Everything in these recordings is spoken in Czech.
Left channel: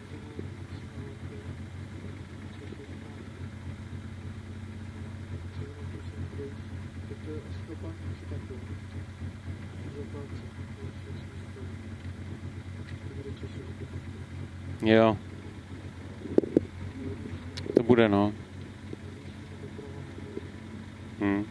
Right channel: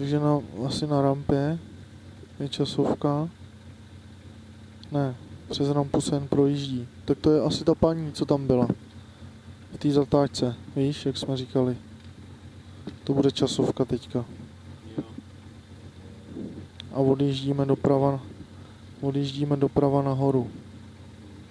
Takže asi na rampě je časovka. Ne, přes rampu se jen projíždí. Tak to je asi ta paní, co tam byla. V té zatáčce, víš, jak jsme říkali. To bude časovka teďka. Jo. A odjíždíme To doprava. bude, no. Odjíždíme doprava nahoru. Hm.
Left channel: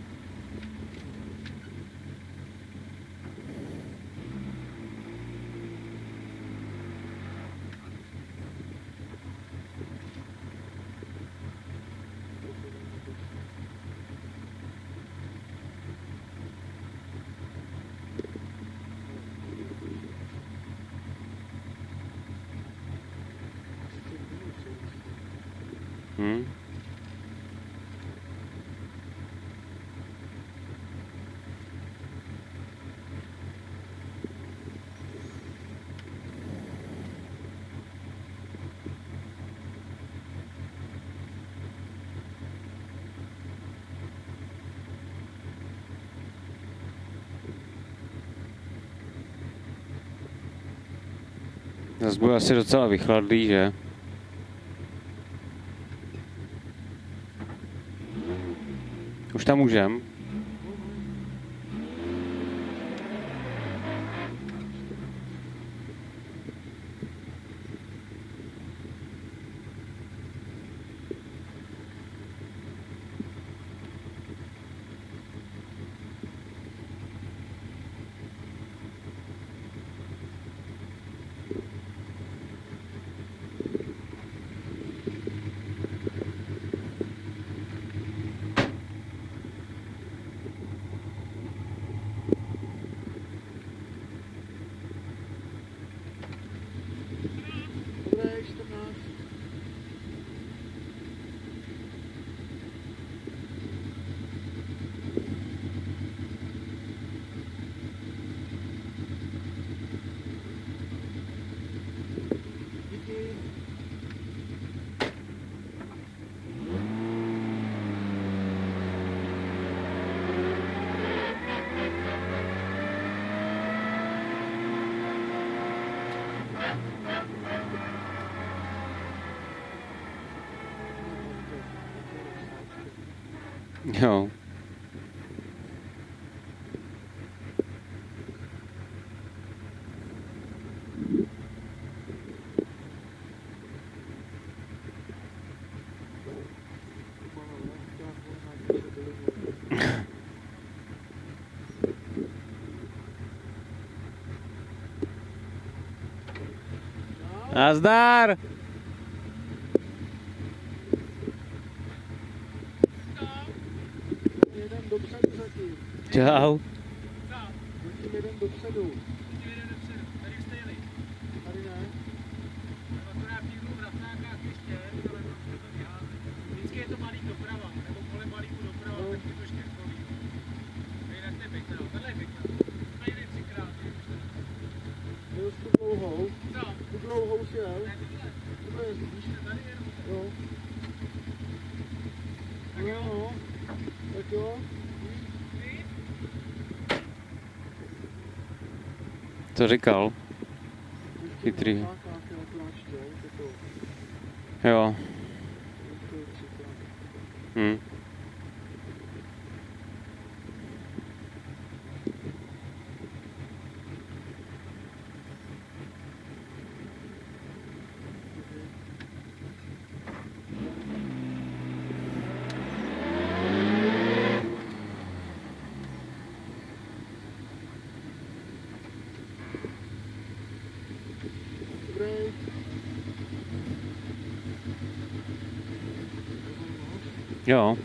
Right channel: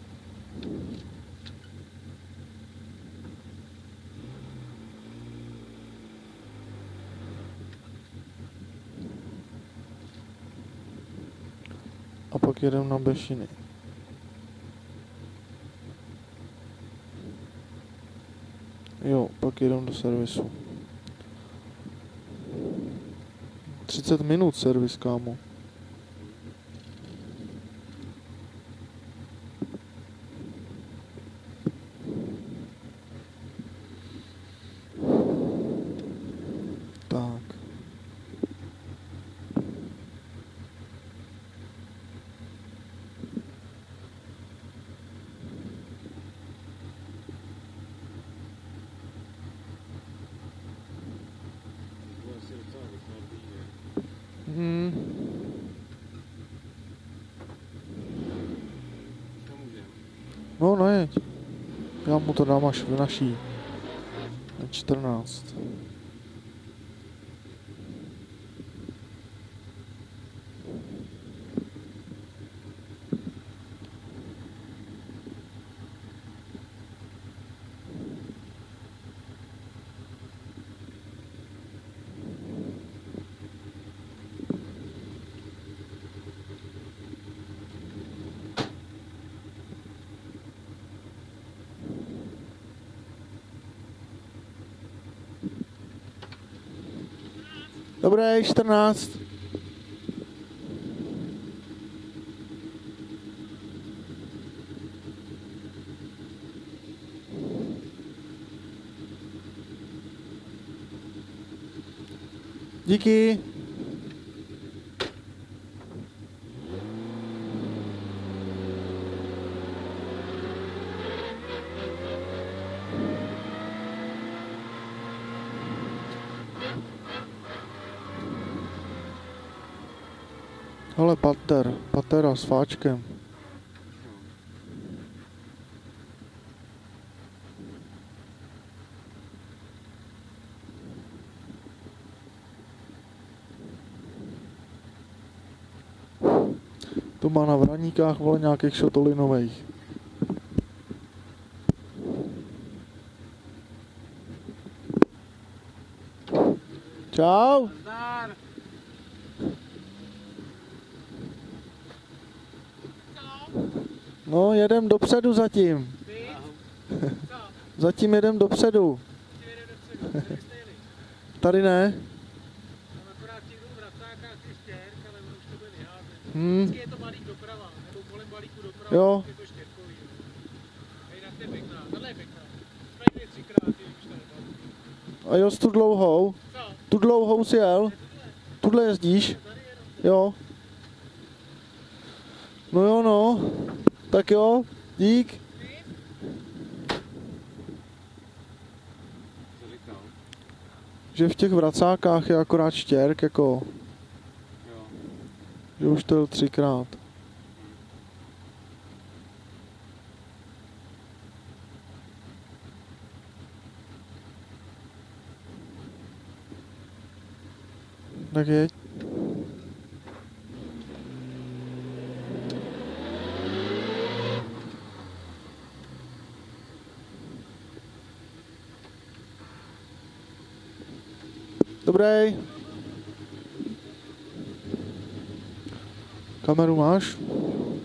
A pak jedeme na Bešiny. Jo, pak jedeme do servisu. 30 minut servis, kámo. Hm. Tak. Zas bude asi docela vychladlý, že? Už tam můžem? No, nejeď. Já mu to dám až v naší. 14. Dobré, 14. Díky. Hele, patera s fáčkem. Jo. To má na Vraníkách, vole, nějakých šotolinových. Čau. Nazdar! No, jedem dopředu zatím. Čau. Zatím jedem dopředu. Tady ne. Jo. A jo, tu dlouhou. Tu dlouhou si jel. Tudle jezdíš? Jo. No jo, no. Tak jo, dík. Co říkal? Že v těch Chytrý. vracákách je akorát štěrk, jako, Jo. že už to 3krát. Hm. Tak jeď. Dobrý. Kameru máš? Jo.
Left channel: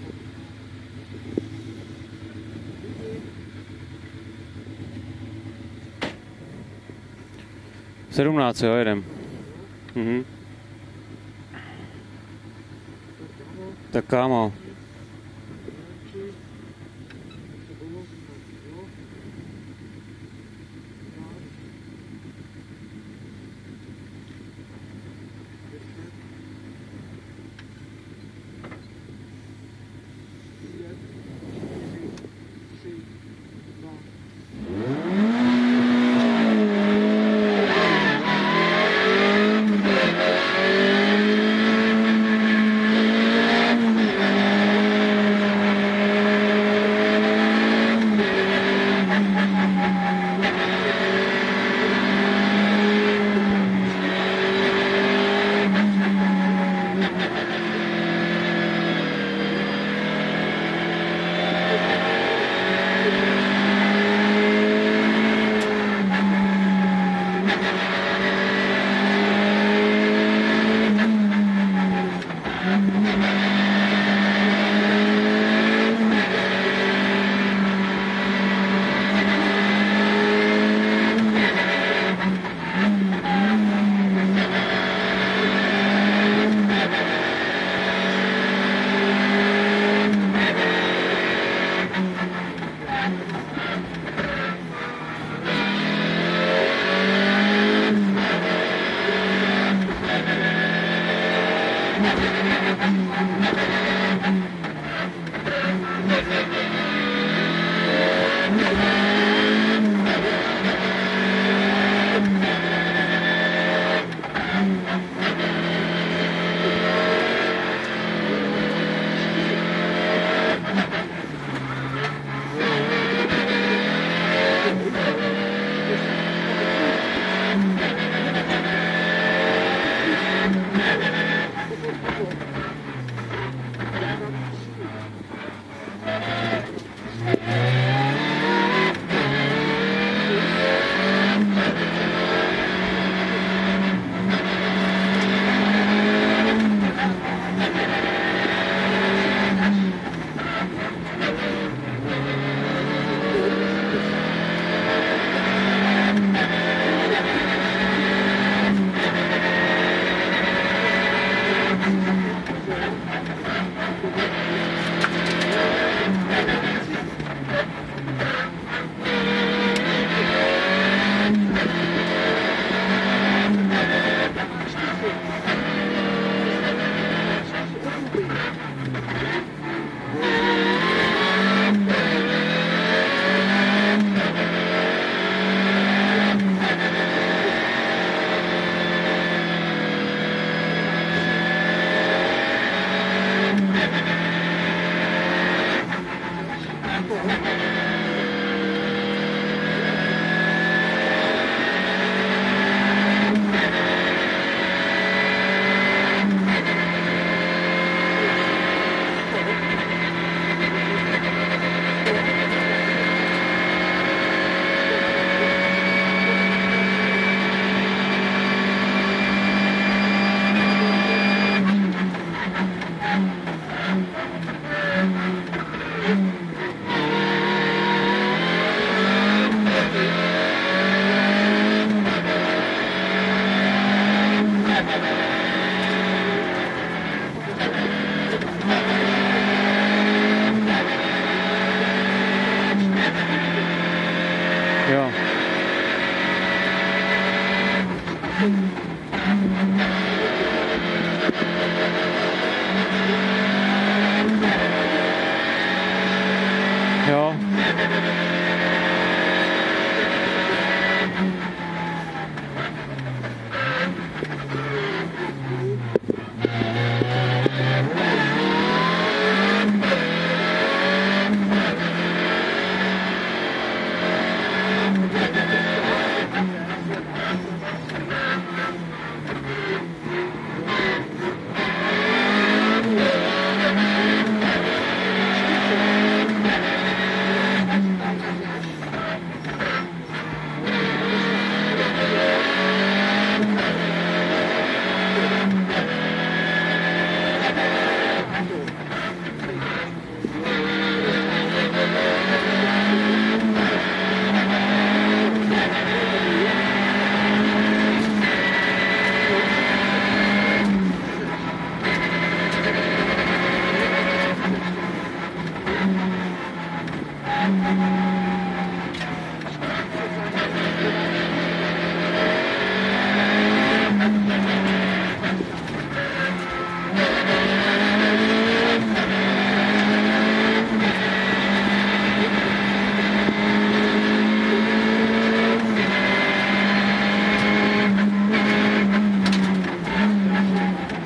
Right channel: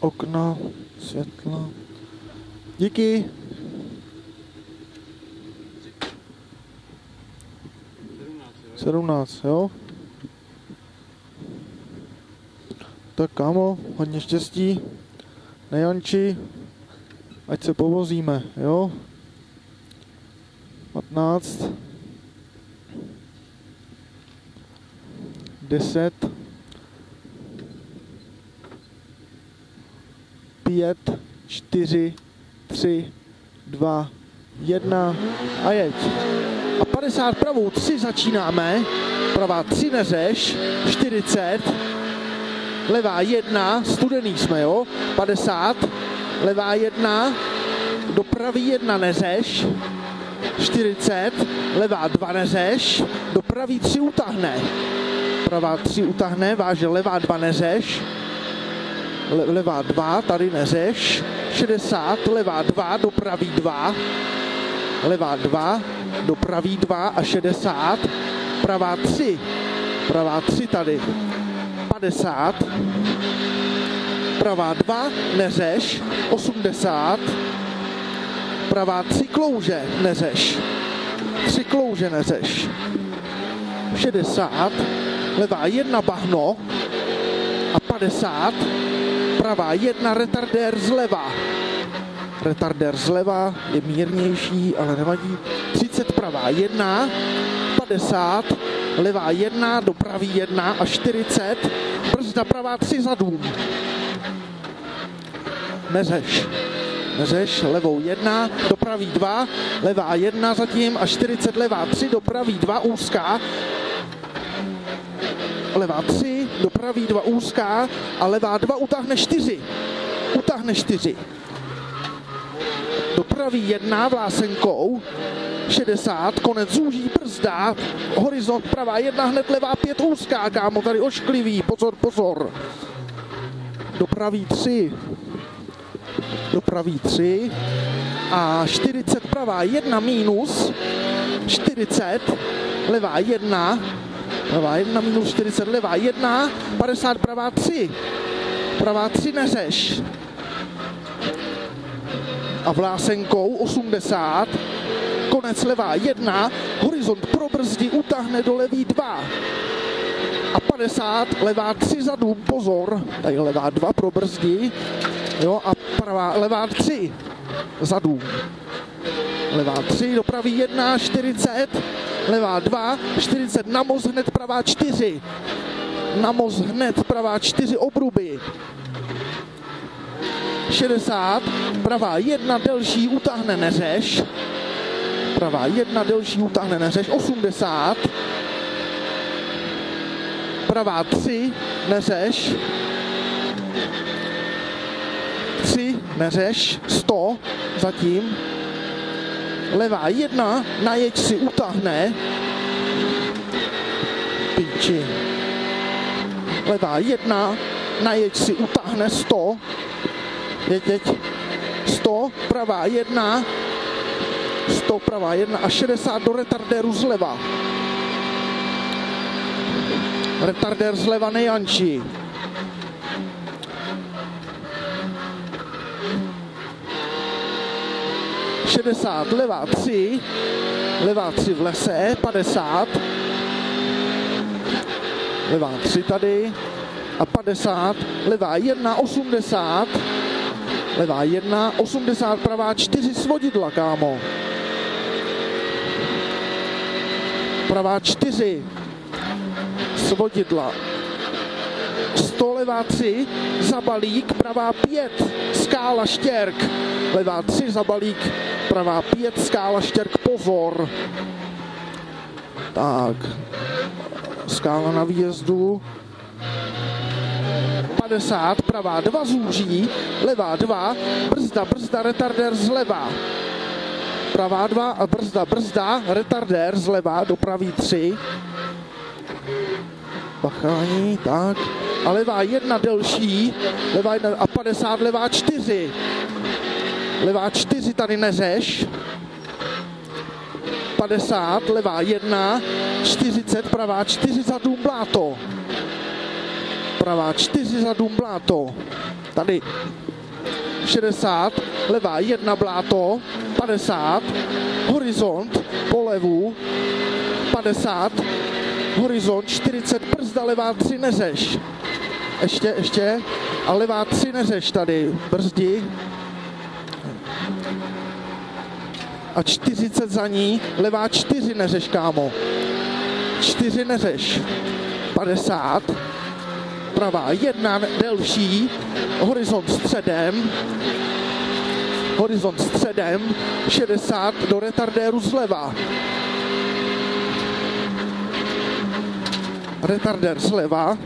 Okna, světla. Díky. 17, jo, jedem. 17, jo? Mhm. Tak kámo, Tak hodně kámo. štěstí. Nejanči, ať se povozíme, jo? 15. 10. 5, 4, 3, 2, 1 a jeď. A 50 pravou 3 začínáme. Pravá 3 neřeš, 40. Levá 1, studený jsme, jo. 50. Levá 1, do pravý 1 neřeš, 40. Levá 2 neřeš, do pravý 3 utáhne. Pravá 3 utáhne, váže levá 2 neřeš. Levá 2, tady neřeš, 60, levá 2, do pravý 2, levá 2, do pravý 2 a 60, pravá 3 tady, 50, pravá 2, neřeš, 80, pravá 3 klouže, neřeš, 3 klouže neřeš, 60, levá 1 bahno a 50, pravá 1, retardér zleva. Retardér zleva je mírnější, ale nevadí. 30 pravá 1, 50, levá 1, do pravý 1 a 40, brzda pravá 3 zadů. Neřeš, levou 1, do pravý 2, levá 1 zatím a 40, levá 3, do pravý 2 úzká. Levá 3, do pravý 2 úzká a levá 2 utáhne 4. Utáhne 4. Do pravý 1 vlásenkou, 60, konec zůří, brzda, horizont pravá 1, hned levá 5 úzká, kámo, tady ošklivý, pozor. Do pravý 3. Do pravý 3 a 40 pravá 1 minus, 40, levá 1, levá 1 minus 40, levá 1, 50 pravá 3, pravá 3 neřeš. A vlásenkou 80, konec levá 1, horizont probrzdí, utáhne do levý 2. A 50, levá 3 zadů, pozor, tady levá 2 probrzdí, jo, a levá 3 zadů. Levá 3, do pravý 1, 40, levá 2, 40, na moz hned pravá 4. Na moz hned pravá 4 obruby. 60, pravá 1 delší, utáhne neřeš. Pravá 1 delší, utáhne neřeš, 80. Pravá 3, neřeš. 3, neřeš, 100, zatím. Levá 1, na jeď si utáhne. Piči. Levá 1, na jeď si utáhne 100. Teď 100, pravá 1, 100, pravá 1 a 60 do retardéru zleva. Retardér zleva nejančí. Levá 3 v lese, 50, levá 3 tady a 50, levá 1, 80, levá 1, 80, pravá 4 svodidla, kámo. Jo. Pravá 4 svodidla, 100, levá 3, zabalík, pravá 5, skála štěrk, levá 3 zabalík, pravá 5, skála štěrk, pozor. Tak, skála na výjezdu, 50, pravá 2 zúží, levá 2, brzda, retardér zleva. Pravá 2 a brzda, retardér zleva, do pravý 3. Bachrání, tak. A levá 1 delší, levá 1 a 50, levá 4. Levá 4 tady neřeš. 50, levá 1, 40, pravá 4 zadů pláto. Pravá 4 zadů pláto. Tady 60, levá 1 bláto, 50, horizont, polevu, 50, horizont, 40, brzda, levá 3 neřeš. Ještě, a levá 3 neřeš tady, brzdi. A 40 za ní, levá 4 neřeš, kámo. 4 neřeš. 50, pravá 1 delší, horizont středem. horizont středem, 60 do retardéru zleva. Retardér zleva.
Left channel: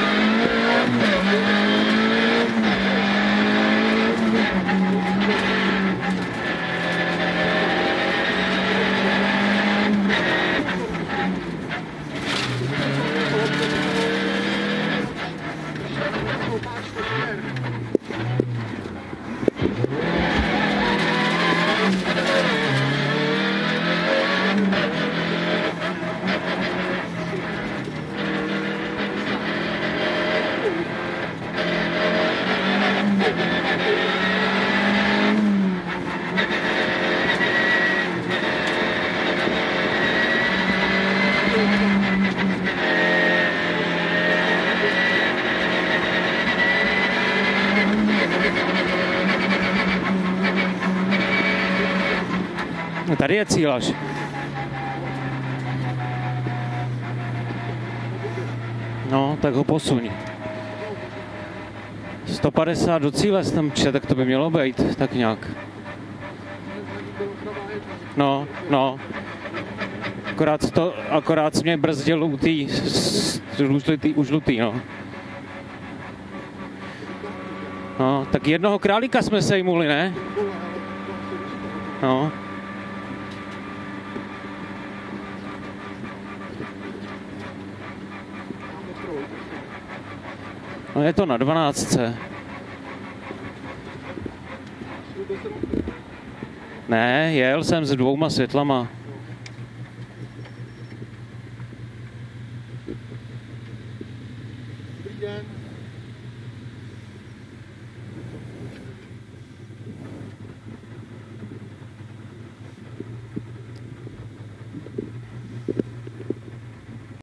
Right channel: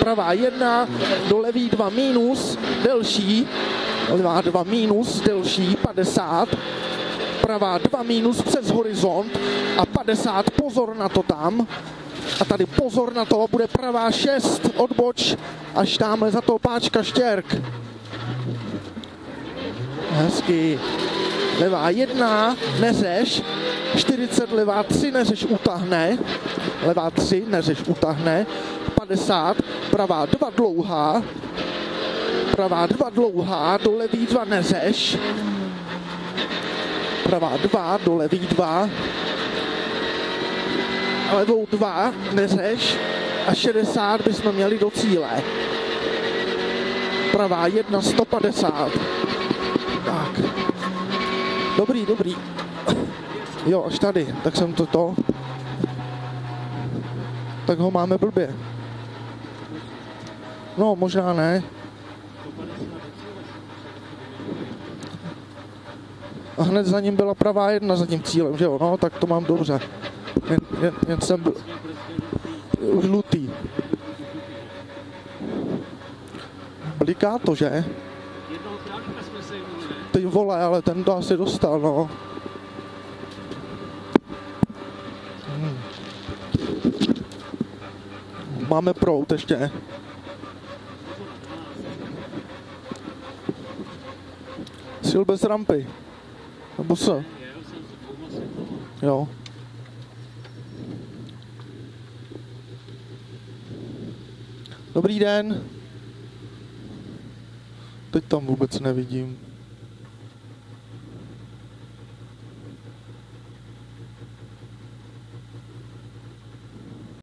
Pravá 1, do levý 2 minus, delší. Levá 2 minus, delší, 50. Pravá 2 minus přes horizont a 50, pozor na to tam. A tady pozor na to, bude pravá 6, odboč, až dáme za to páčka štěrk. Hezky. Levá 1, neřeš, 40, levá 3, neřeš, utahne. Levá 3, neřeš, utahne. 50, pravá 2 dlouhá. Pravá 2 dlouhá, do levý 2 neřeš. Pravá 2, do levý 2. Levý 2, neřeš. A 60 bychom měli do cíle. Pravá 1, 150. Tak. Dobrý, dobrý. Tady je cíl. Jo, už tady, tak jsem to. Tak ho máme blbě. No, tak ho posuň. No, možná ne. 150 do cíle tam pře, tak to by mělo být, tak nějak. A hned za ním byla pravá 1 za tím No, cílem, že jo? no. No, tak to mám dobře. Akorát mě brzdil už žlutý, no. Bliká to, že? No, tak jednoho králíka jsme sejmuli, ne? Ty vole, ale ten to asi dostal, no. No. Máme prout ještě. No je to na 12. Sil bez rampy. Nebo co? Ne, jel jsem s 2 světlama. Jo. Dobrý den. Teď tam vůbec nevidím.